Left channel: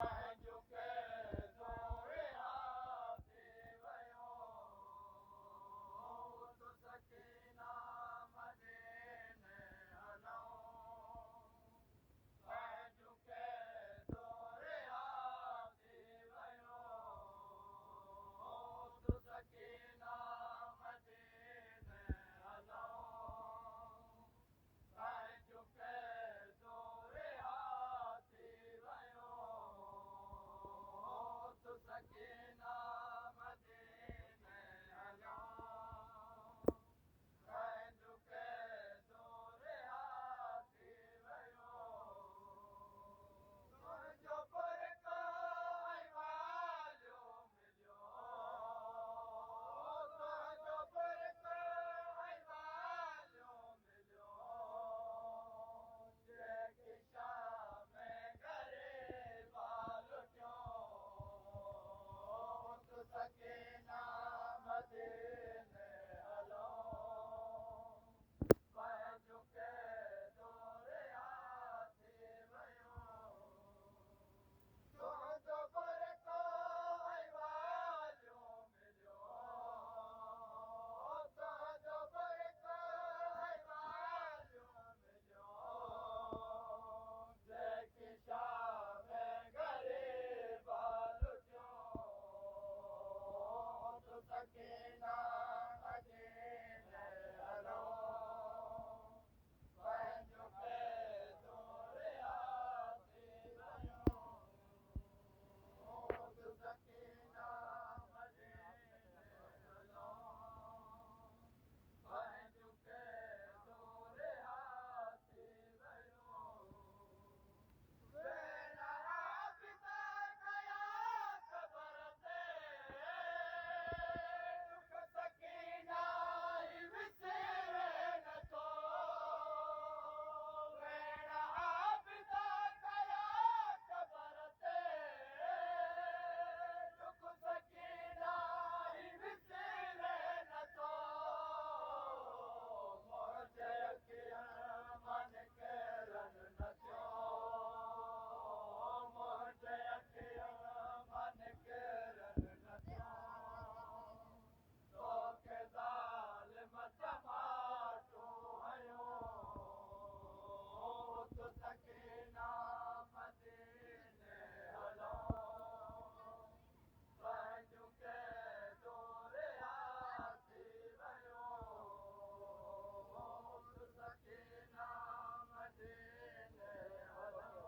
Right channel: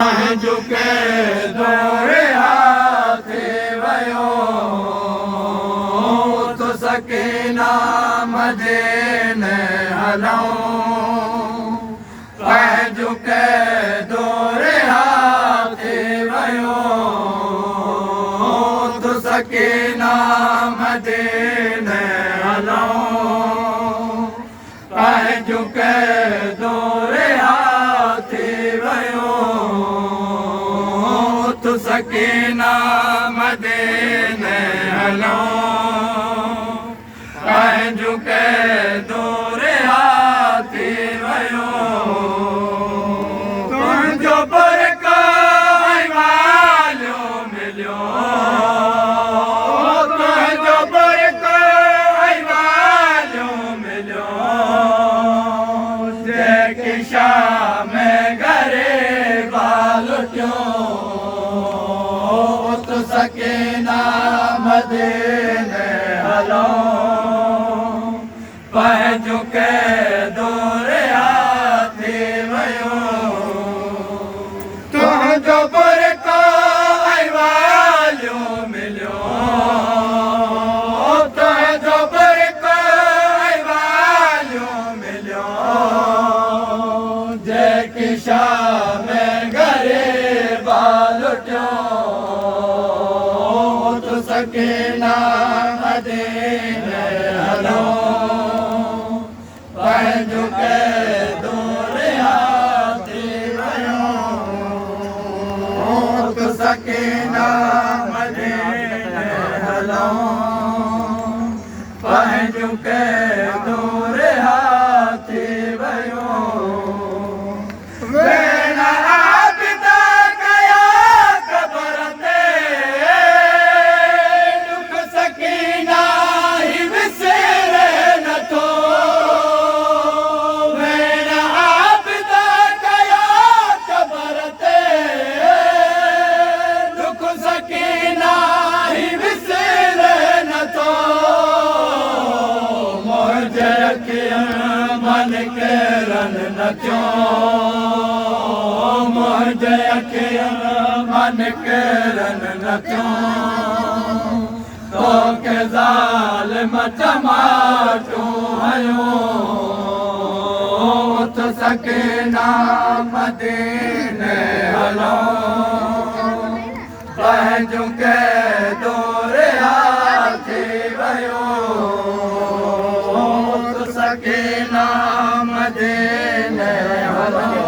झुके दौरे हाथे वयो तो सकीना मदीने हलऊं झुके दौरे हाथे वयो तो सकीना मदीने हलऊं झुके दौरे हाथे वयो तो सकीना मदीने हलऊं झुके दौरे हाथे वयो तुंहिंजो बरकाई वालियो मिलियो तुंहिंजो बरकाई वालियो मिलियो जेके शाम घरे बालटियो तो सकीना मदीने हलऊं झुके दौरे हाथे वयो तुंहिंजो बरकाई वालियो मिलियो तुंहिंजो बरकाई वालियो मिलियो जेकी शाम घरे बालटियो तो सकीना मदीने हलऊं झुके दौरे हाथे वयो तो सकीना मदीने हलऊं झुके दौरे हाथे वयो वेना आबिदा कया कबर ते दुख सकीना ही विसरे नथो वेना आबिदा कया कबर ते दुख सकीना ही विसरे नथो मुंहिंजे अखियुनि मन केरन नथियो मुंहिंजे अखियुनि मन केरन नथियो तोखे ज़ालिम चमाटूं हयो तो सकीना मदीने हलऊं झुके दौरे हाथे वयो तो सकीना मदीने हलऊं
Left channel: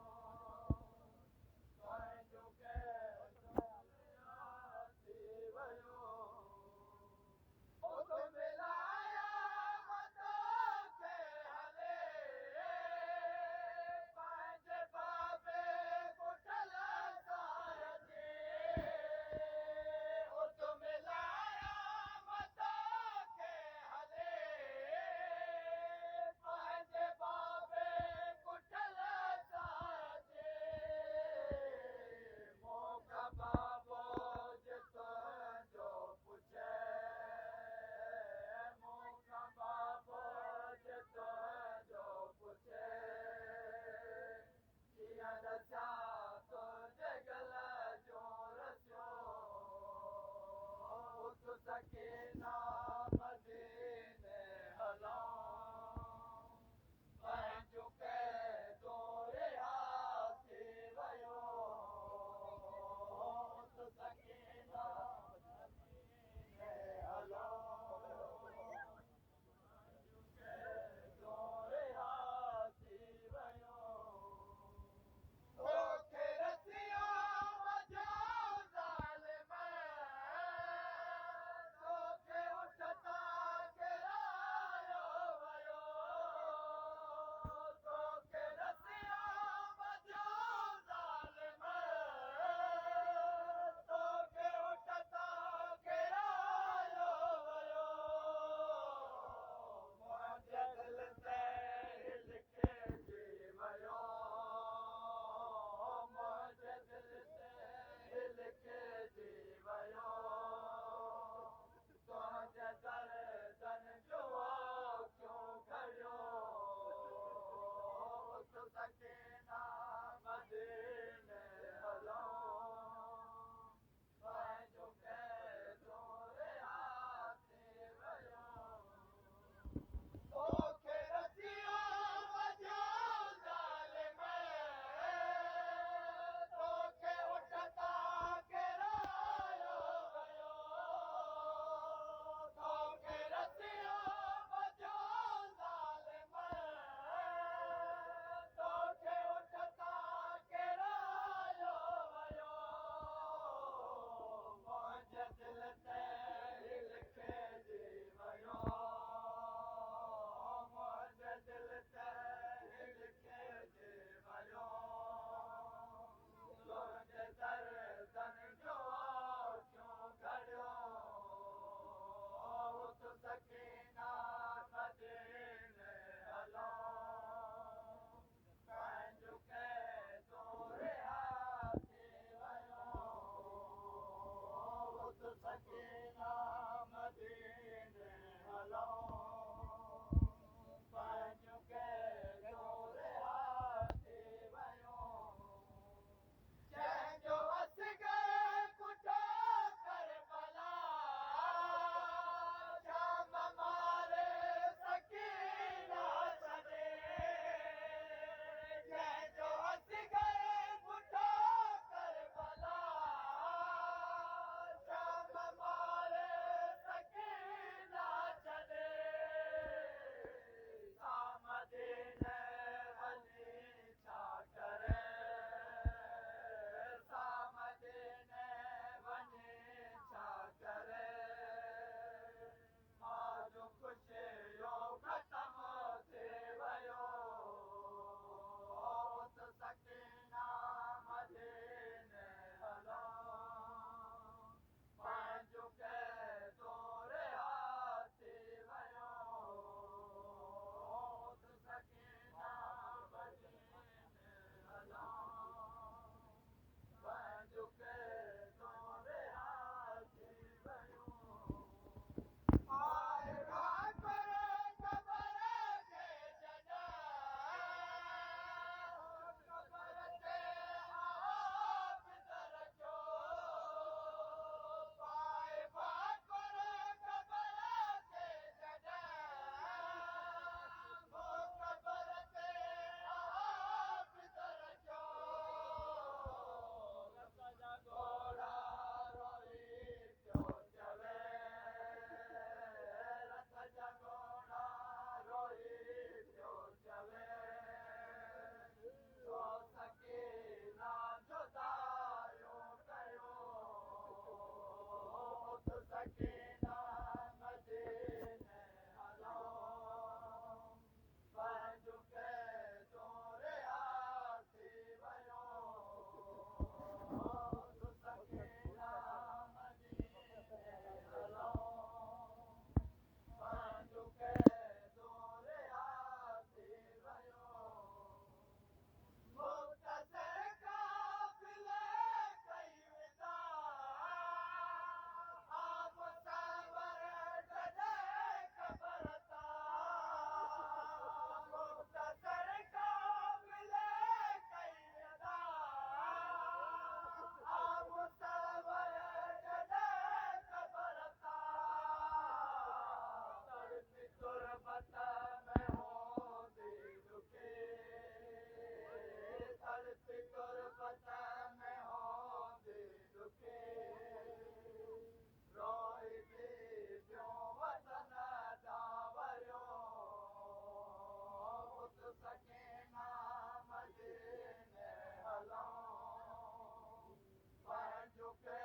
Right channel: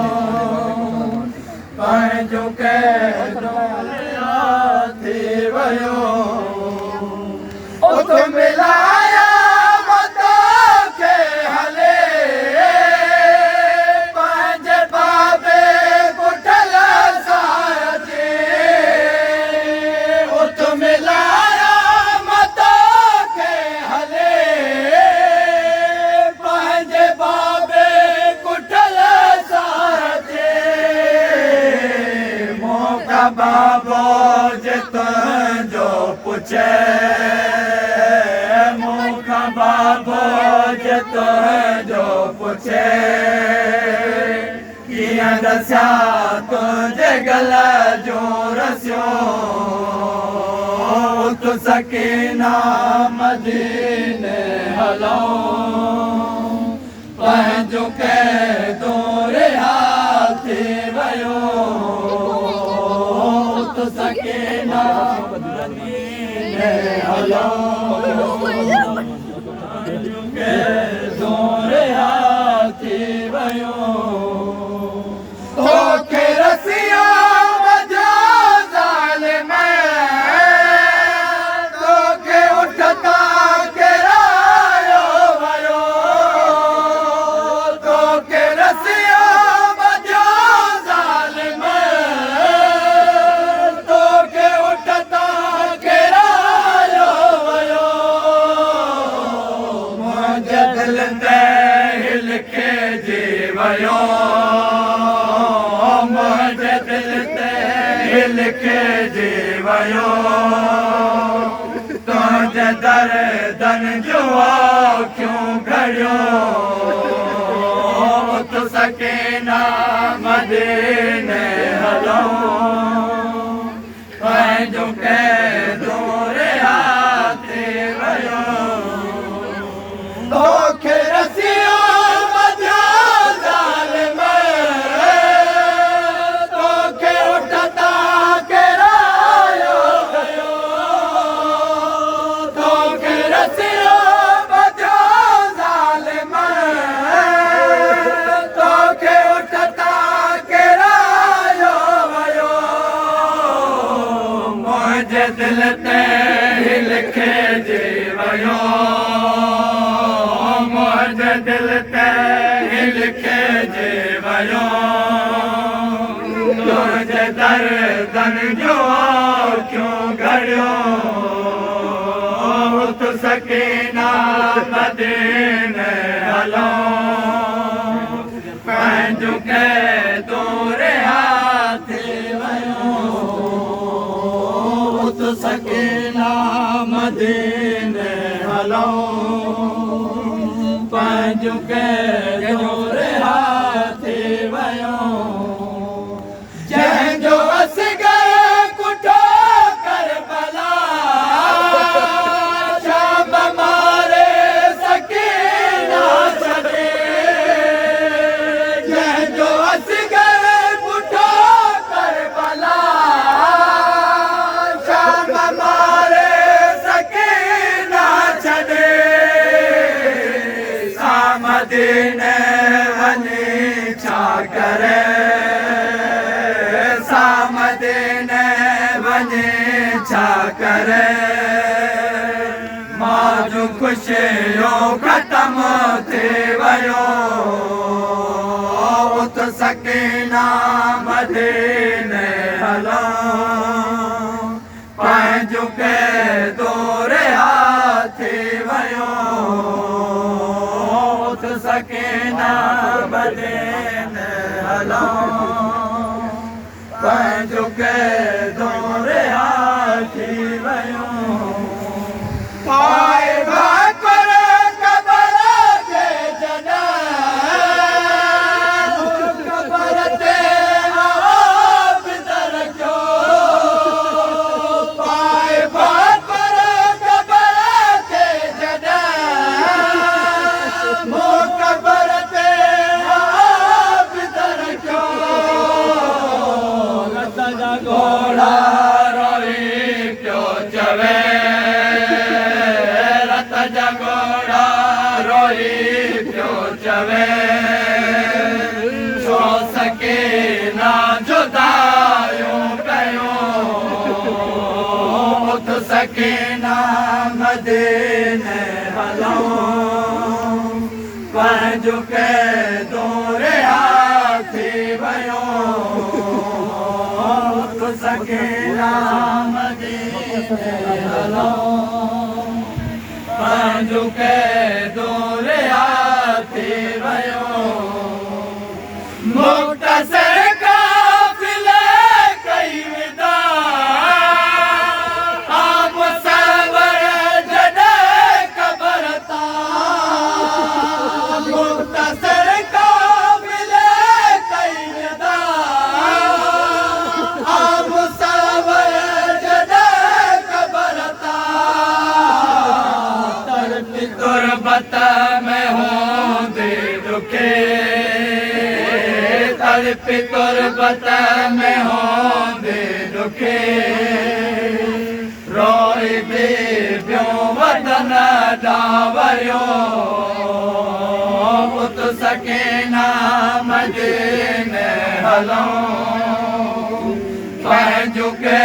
झुके दौरे हाथे वयो तो मिलाया मतो के हले पंहिंजे बाबे पुठल साजे तो मिलाया मतो के हले पंहिंजे बाबे पुठल साजे मौका बाबो जे तुंहिंजो पुछे मौका बाबो जे तुंहिंजो पुछे कीअं दसिया तुंहिंजे गल जो रसियो तो सकीना मदीने हलऊं झुके दौरे हाथे वयो तो सकीना मदीने हलऊं झुके दौरे हाथे वयो तोखे रसिया वजो ज़ालिम तोखे उठता केरायो वयो तोखे रसिया वजो ज़ालिम तोखे उठता केरायो वयो मुंहिंजे दिल ते लिखे जी वयो मुंहिंजे दिल ते लिखे जी वयो तुंहिंजे दर्दन जो अखियूं घड़ियो तो सकीना मदीने हलऊं मुंहिंजे दिल ते लिखे जी वियो मुंहिंजे दिल ते लिखे जी वियो तुंहिंजे दर्दनि जो क्यों घड़ियो तूं सकीना मदीने हलो पंहिंजो के दूर हाथी वियो तूं सकीना मदीने हलो पंहिंजो के दूर हाथी वियो जंहिंजो असगर कुठो करबला शाम मारे सकीना छॾे जंहिंजो असगर कुठो करबला शाम मारे सकीना छॾे मदीने वञी छा करे मदीने वञी छा करे मां ख़ुशियो ख़तम थी वियो उत सकीना मदीने हलो पंहिंजो के दूर हाथी वियो सकीना मदीने हलो पंहिंजो के दूर हाथी वियो पाए भाकुर क़बर जे जॾहिं क़बर ते आब रखियो पाए भाकुर क़बर ते जॾहिं क़बर ते आब रखियो लत जा घोड़ा रोई पियो चवे लत जा घोड़ा रोई पियो चवे छो सकीना जुदायूं कयो उथ सकीना मदीने हलो पंहिंजो के दूर हाथी वियो तूं सकीना मदीने हलो पंहिंजो के दूर हाथी वियो मुख़्तसर काफ़िले कई विदा आब सवर जॾहिं क़बर तां मुख़्तसर काफ़िले कई विदा आब सवर जॾहिं क़बर तां तड़पी तुरबत में हूंदे दुखे तड़पी तुरबत में हूंदे दुखे रोई बेबियों वतन ॾांहुं वियो उत सकीना मदीने हलो पंहिंजो के